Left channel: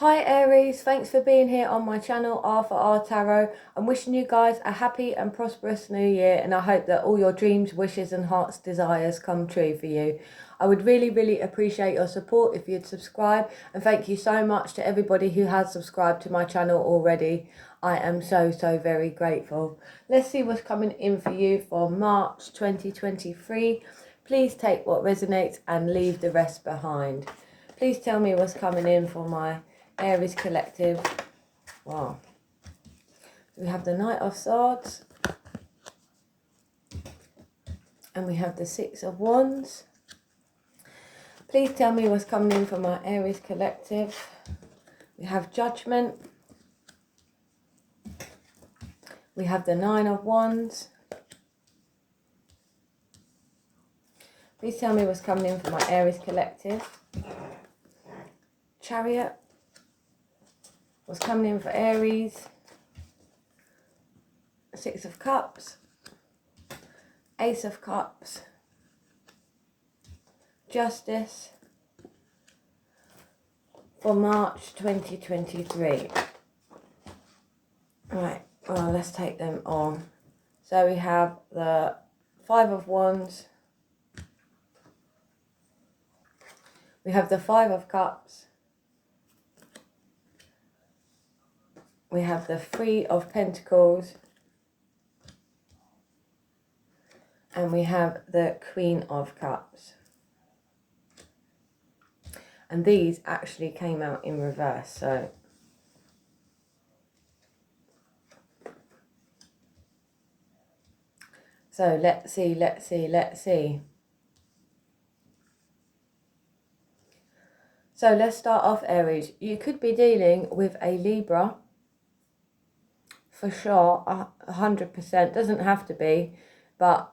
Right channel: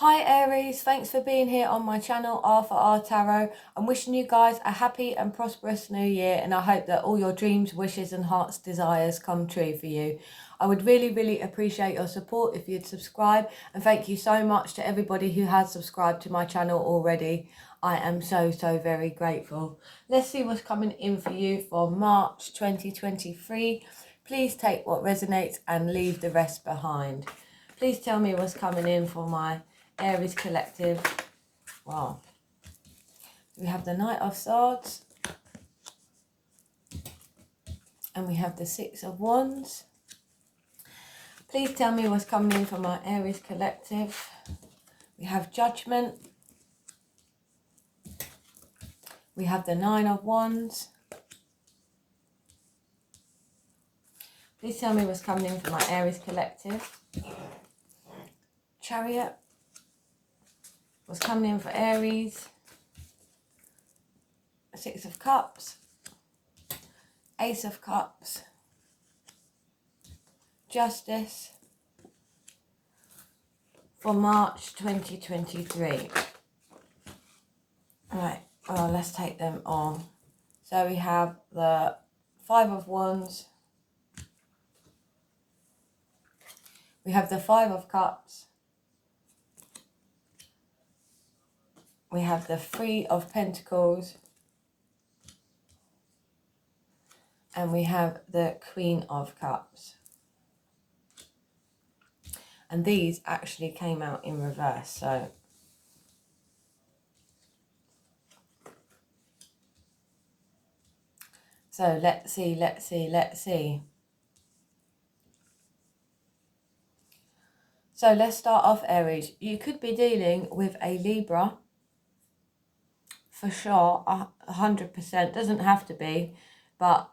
Hi Aries, thanks for being here on my channel R for R Tarot. I'm wishing you guys a happy and prosperous new year, and I hope that all your dreams, wishes and heart's desires come true for you. I would really appreciate your support if you'd subscribe, and thank you so much to everybody who has subscribed to my channel already. I am so very grateful. Let's see what's coming in for you for March 2023. Please take what resonates and leave the rest behind. Please tell me what's coming in for my Aries collective. Wow. We have the Knight of Swords. And we have the Six of Wands. Please tell me what's coming in for my Aries collective. We have Judgment. We have the Nine of Wands. Please tell me what's coming in for my Aries collective. Chariot. What's coming in for Aries? Six of Cups. Ace of Cups. Justice. For March 2023. Right, well, let's take them on. So we have the Five of Wands. We have the Five of Cups. We have the Three of Pentacles. And we have the Queen of Cups. And these actually came out in reverse, so let's see. So let's start off, Aries. You could be dealing with a Libra. For sure, 100%. Doesn't have to be, but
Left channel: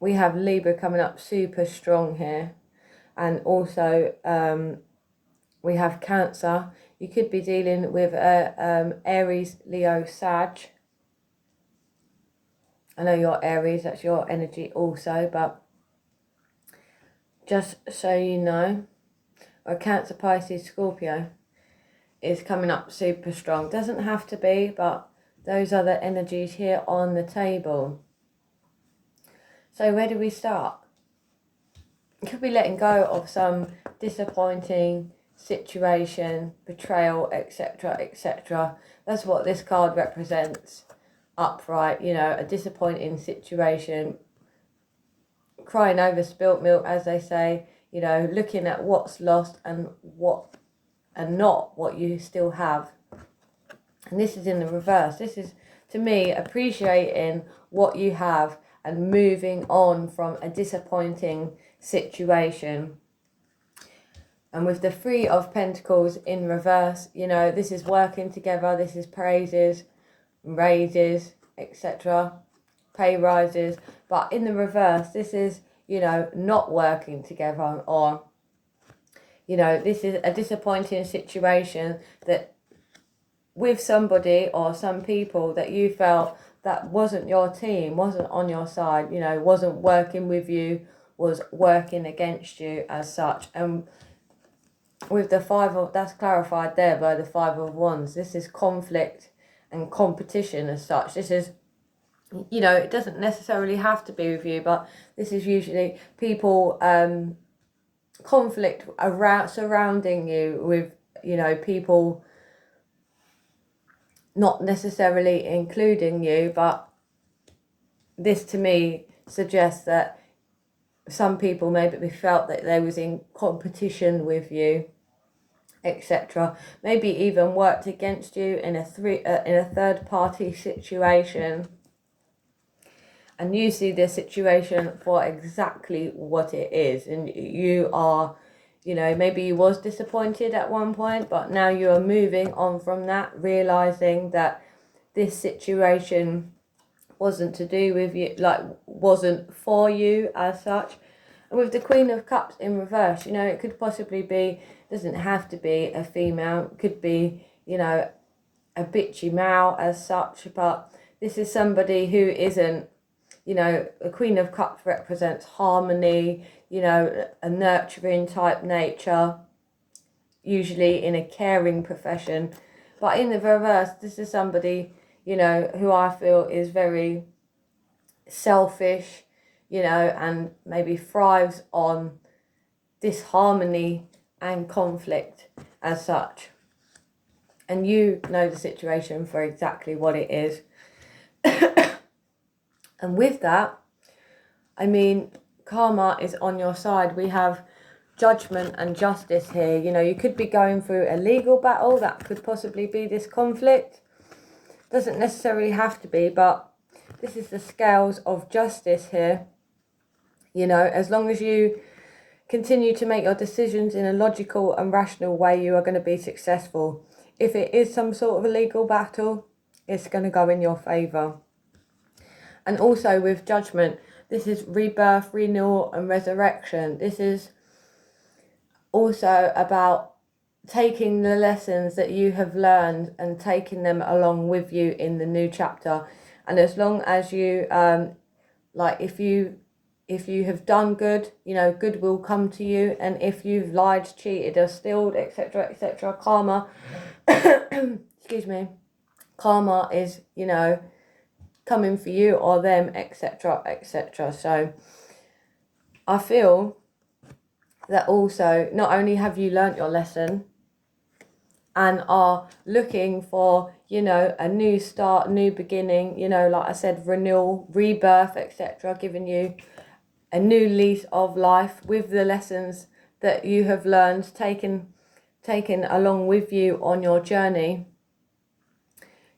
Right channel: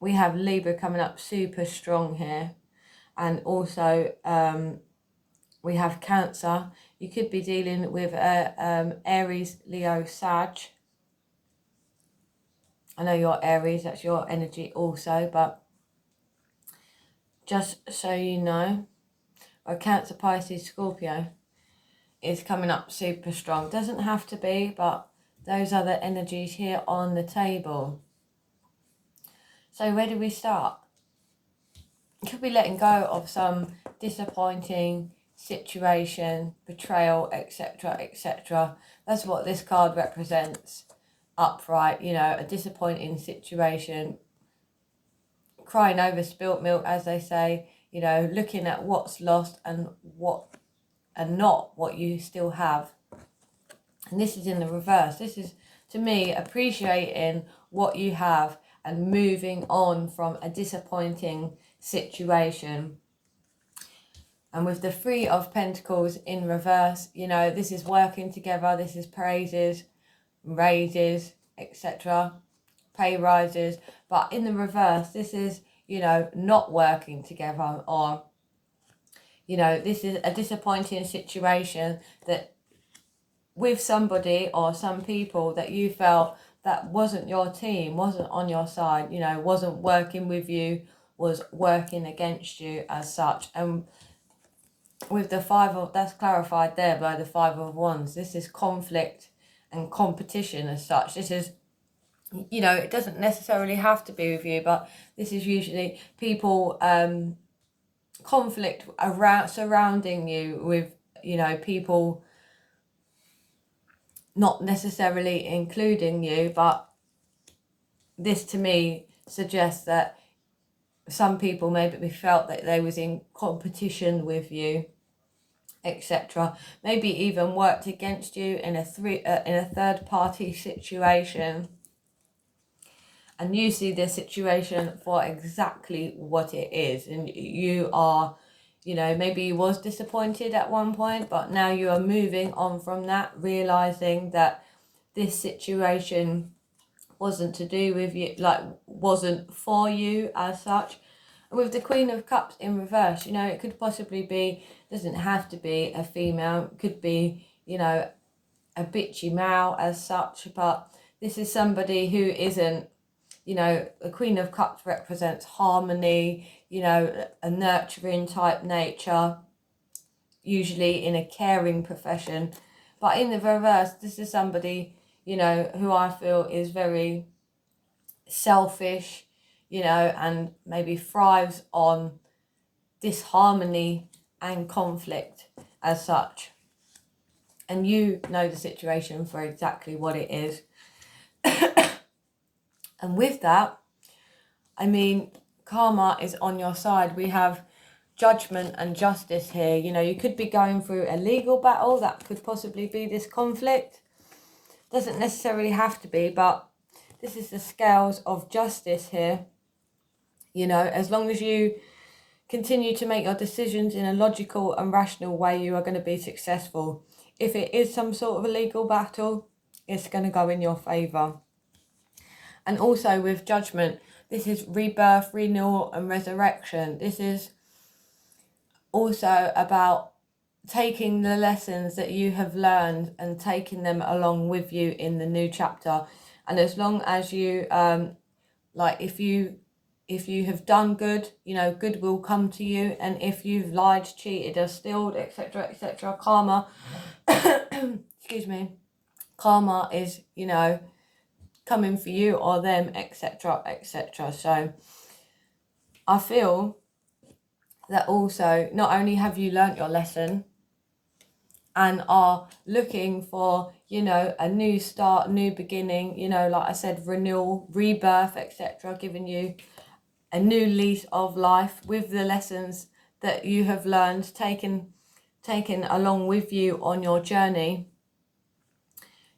we have Libra coming up super strong here. And also we have Cancer. You could be dealing with Aries, Leo, Sag. I know you're Aries, that's your energy also, but just so you know, or Cancer, Pisces, Scorpio is coming up super strong. Doesn't have to be, but those are the energies here on the table. So where do we start? You could be letting go of some disappointing situation, betrayal, etc. That's what this card represents. Upright, you know, a disappointing situation, crying over spilt milk, as they say, you know, looking at what's lost and not what you still have. And this is in the reverse. This is, to me, appreciating what you have and moving on from a disappointing situation. And with the Three of Pentacles in reverse, you know, this is working together. This is praises, raises, etc., pay rises. But in the reverse, this is, you know, not working together, or, you know, this is a disappointing situation that with somebody or some people that you felt that wasn't your team, wasn't on your side, you know, wasn't working with you, was working against you as such. And with the Five of, that's clarified there by the Five of Wands. This is conflict and competition as such. This is, you know, it doesn't necessarily have to be with you, but this is usually people, conflict around, surrounding you with, you know, people not necessarily including you, but this to me suggests that some people maybe felt that they was in competition with you, etc. Maybe even worked against you in a third party situation, and you see the situation for exactly what it is, and you are, you know, maybe you was disappointed at one point, but now you are moving on from that, realizing that this situation wasn't to do with you, like wasn't for you as such. And with the Queen of Cups in reverse, you know, it could possibly be, doesn't have to be a female, it could be, you know, a bitchy male as such, but this is somebody who isn't, you know, the Queen of Cups represents harmony, you know, a nurturing type nature, usually in a caring profession. But in the reverse, this is somebody, you know, who I feel is very selfish, you know, and maybe thrives on disharmony and conflict as such. And you know the situation for exactly what it is. And with that, I mean, karma is on your side. We have judgment and justice here. You know, you could be going through a legal battle. That could possibly be this conflict. Doesn't necessarily have to be, but this is the scales of justice here. You know, as long as you continue to make your decisions in a logical and rational way, you are going to be successful. If it is some sort of a legal battle, it's going to go in your favour. And also with judgment, this is rebirth, renewal and resurrection. This is also about taking the lessons that you have learned and taking them along with you in the new chapter. And as long as you, if you have done good, you know, good will come to you. And if you've lied, cheated or stealed, etc., karma, excuse me, karma is, you know, coming for you or them, etc. So I feel that also not only have you learnt your lesson and are looking for, you know, a new start, new beginning, you know, like I said, renewal, rebirth, etc., giving you a new lease of life with the lessons that you have learned, taken along with you on your journey.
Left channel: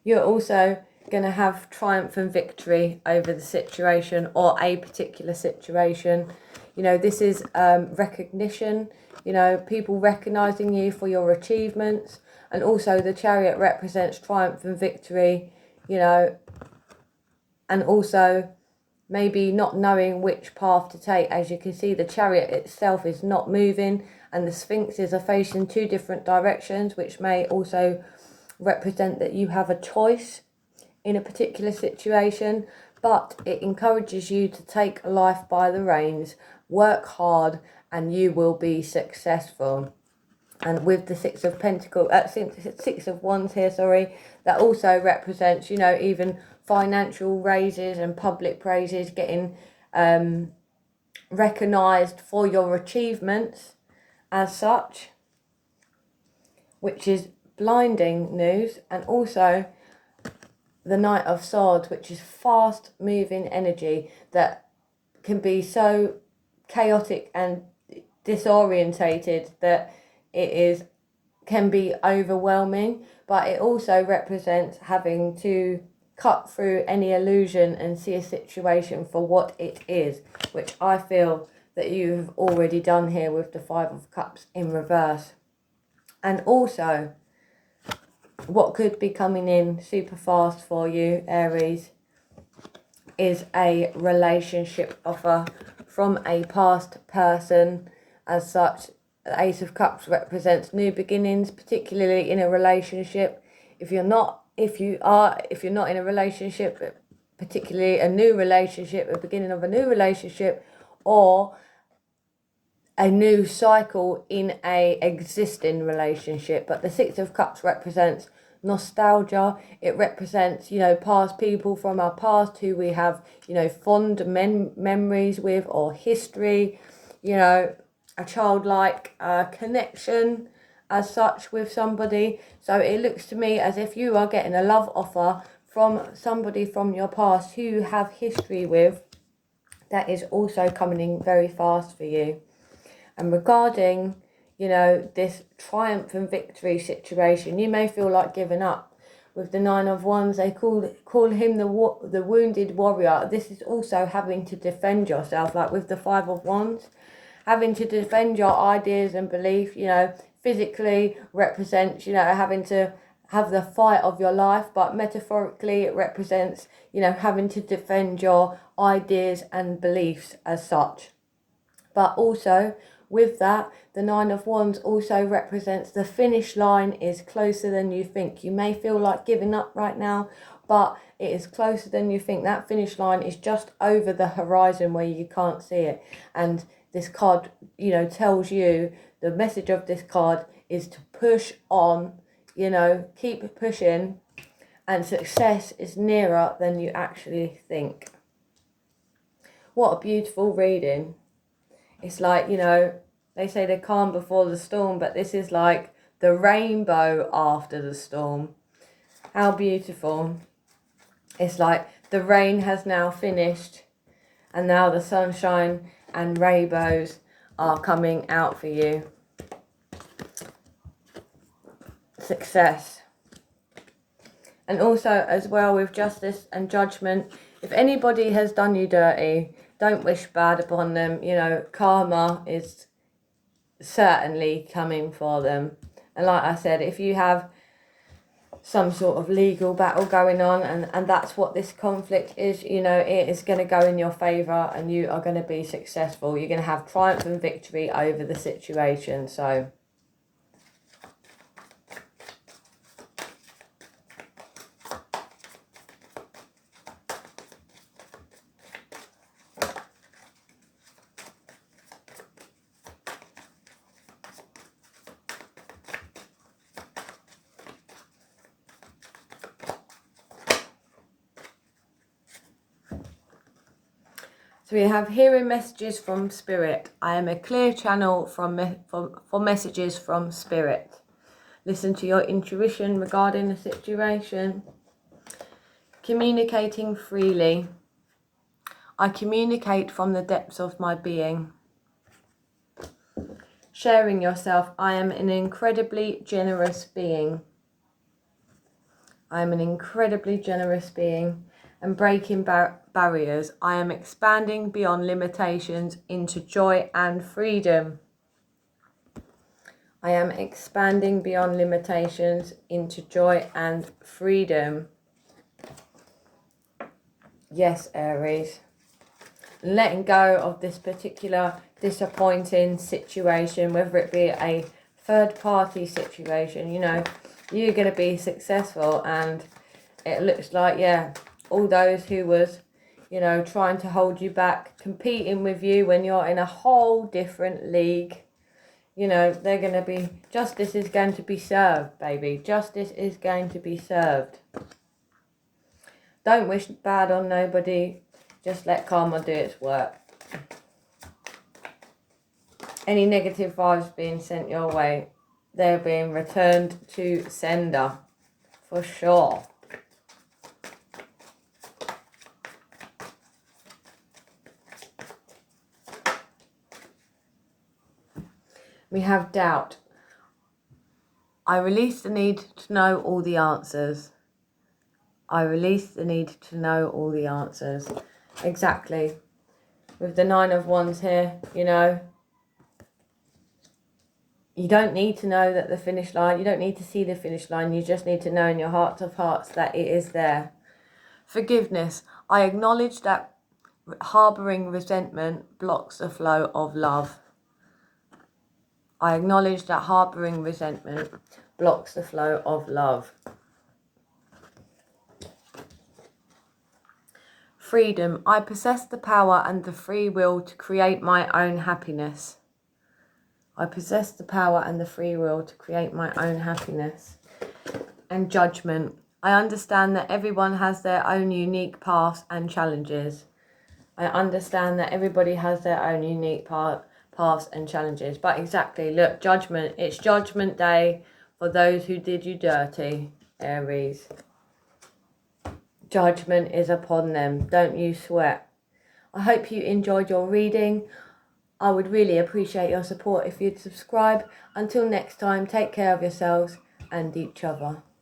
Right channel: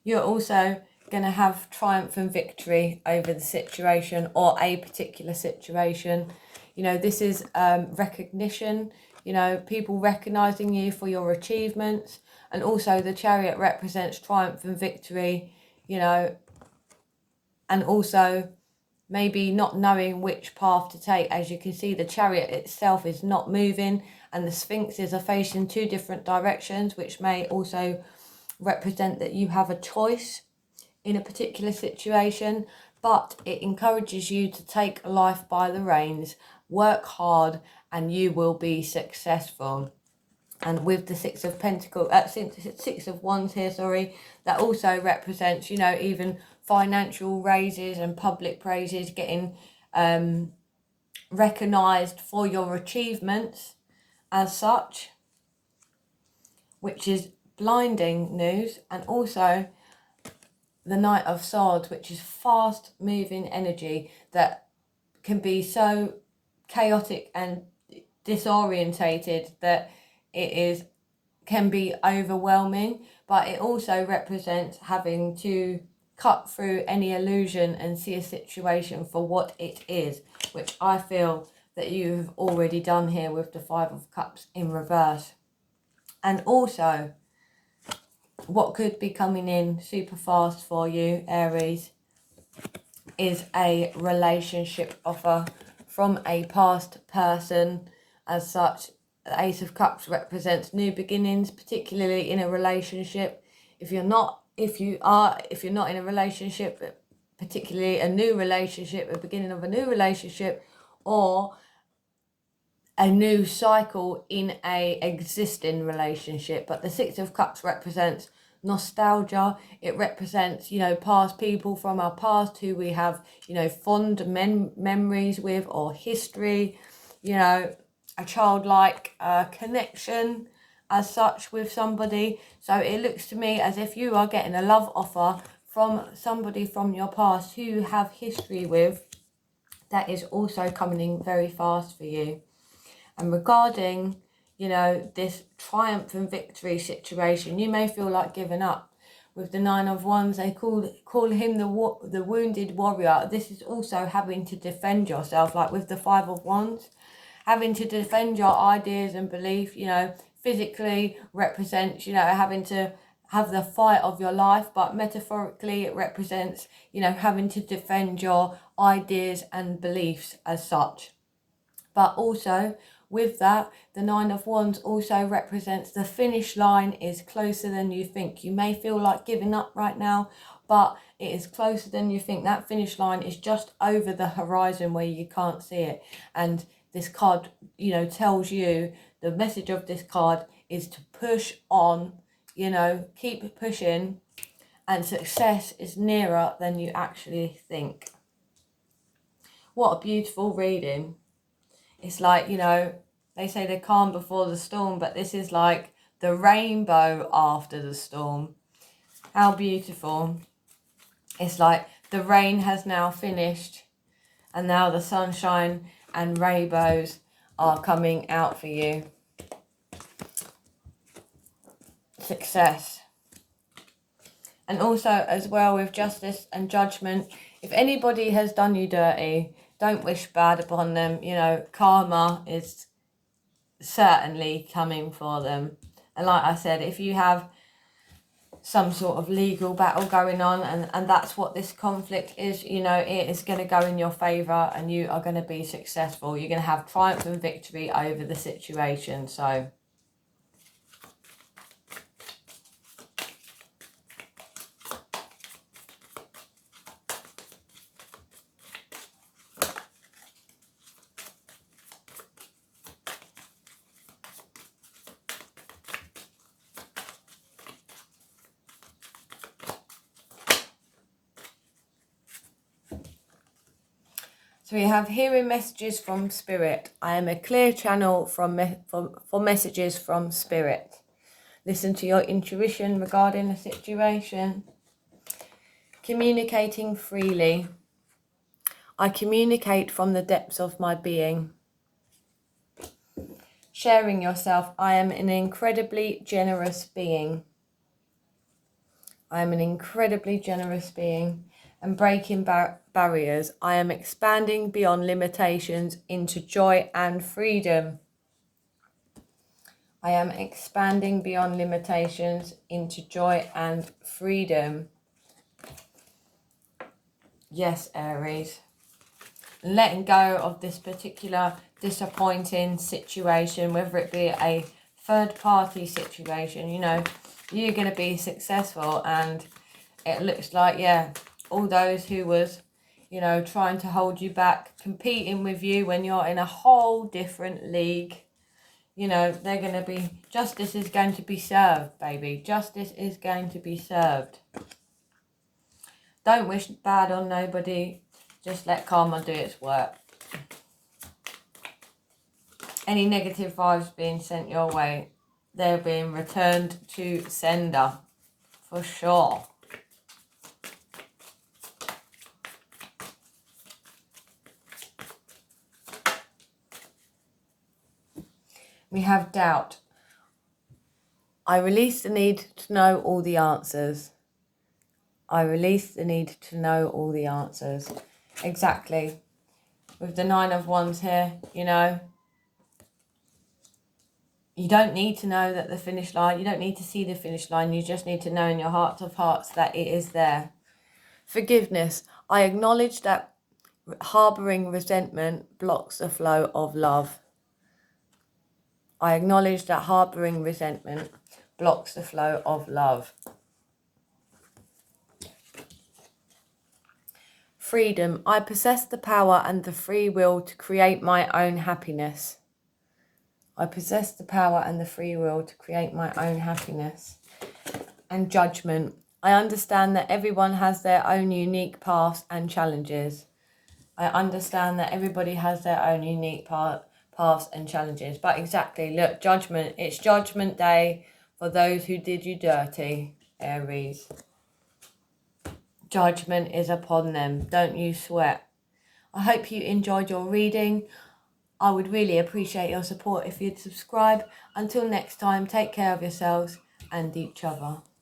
You're also going to have triumph and victory over the situation or a particular situation. You know, this is recognition, you know, people recognizing you for your achievements. And also the Chariot represents triumph and victory, you know, and also maybe not knowing which path to take. As you can see, the Chariot itself is not moving and the Sphinxes are facing two different directions, which may also represent that you have a choice in a particular situation, but it encourages you to take life by the reins, work hard, and you will be successful. And with the Six of Wands here, sorry, that also represents, you know, even financial raises and public praises, getting recognised for your achievements as such, which is blinding news. And also the Knight of Swords, which is fast moving energy that can be so chaotic and disorientated that can be overwhelming, but it also represents having to cut through any illusion and see a situation for what it is, which I feel that you've already done here with the Five of Cups in reverse. And also what could be coming in super fast for you, Aries, is a relationship offer from a past person as such. The Ace of Cups represents new beginnings, particularly in a relationship. If you're not in a relationship, particularly a new relationship, the beginning of a new relationship, or a new cycle in a existing relationship. But the Six of Cups represents nostalgia. It represents, you know, past people from our past who we have, you know, fond memories with, or history, you know, a childlike connection as such with somebody. So it looks to me as if you are getting a love offer from somebody from your past who you have history with, that is also coming in very fast for you. And regarding, you know, this triumph and victory situation, you may feel like giving up. With the Nine of Wands, they call him the wounded warrior. This is also having to defend yourself, like with the Five of Wands, having to defend your ideas and belief. You know, physically represents, you know, having to have the fight of your life, but metaphorically it represents, you know, having to defend your ideas and beliefs as such. But also with that, the Nine of Wands also represents the finish line is closer than you think. You may feel like giving up right now, but it is closer than you think. That finish line is just over the horizon where you can't see it. And this card, you know, tells you, the message of this card is to push on, you know, keep pushing, and success is nearer than you actually think. What a beautiful reading. It's like, you know, they say the calm before the storm, but this is like the rainbow after the storm. How beautiful. It's like the rain has now finished and now the sunshine and rainbows are coming out for you. Success. And also as well with justice and judgment, if anybody has done you dirty, don't wish bad upon them. You know, karma is certainly coming for them. And like I said, if you have some sort of legal battle going on and that's what this conflict is, you know, it is going to go in your favour and you are going to be successful. You're going to have triumph and victory over the situation. So So we have hearing messages from Spirit. I am a clear channel for messages from Spirit. Listen to your intuition regarding the situation. Communicating freely. I communicate from the depths of my being. Sharing yourself. I am an incredibly generous being. I am an incredibly generous being. And breaking barriers. I am expanding beyond limitations into joy and freedom. I am expanding beyond limitations into joy and freedom. Yes, Aries. Letting go of this particular disappointing situation, whether it be a third party situation, you know, you're going to be successful. And it looks like, yeah, all those who was, you know, trying to hold you back, competing with you when you're in a whole different league, you know, they're going to be, justice is going to be served, baby. Justice is going to be served. Don't wish bad on nobody. Just let karma do its work. Any negative vibes being sent your way, they're being returned to sender, for sure. We have doubt. I release the need to know all the answers. I release the need to know all the answers. Exactly. With the 9 of Wands here, you know, you don't need to know that the finish line, you don't need to see the finish line. You just need to know in your heart of hearts that it is there. Forgiveness. I acknowledge that harbouring resentment blocks the flow of love. I acknowledge that harbouring resentment blocks the flow of love. Freedom. I possess the power and the free will to create my own happiness. I possess the power and the free will to create my own happiness. And judgment. I understand that everyone has their own unique paths and challenges. I understand that everybody has their own unique paths and challenges. But exactly, look, judgment. It's judgment day for those who did you dirty, Aries. Judgment is upon them. Don't you sweat. I hope you enjoyed your reading. I would really appreciate your support if you'd subscribe. Until next time, take care of yourselves and each other.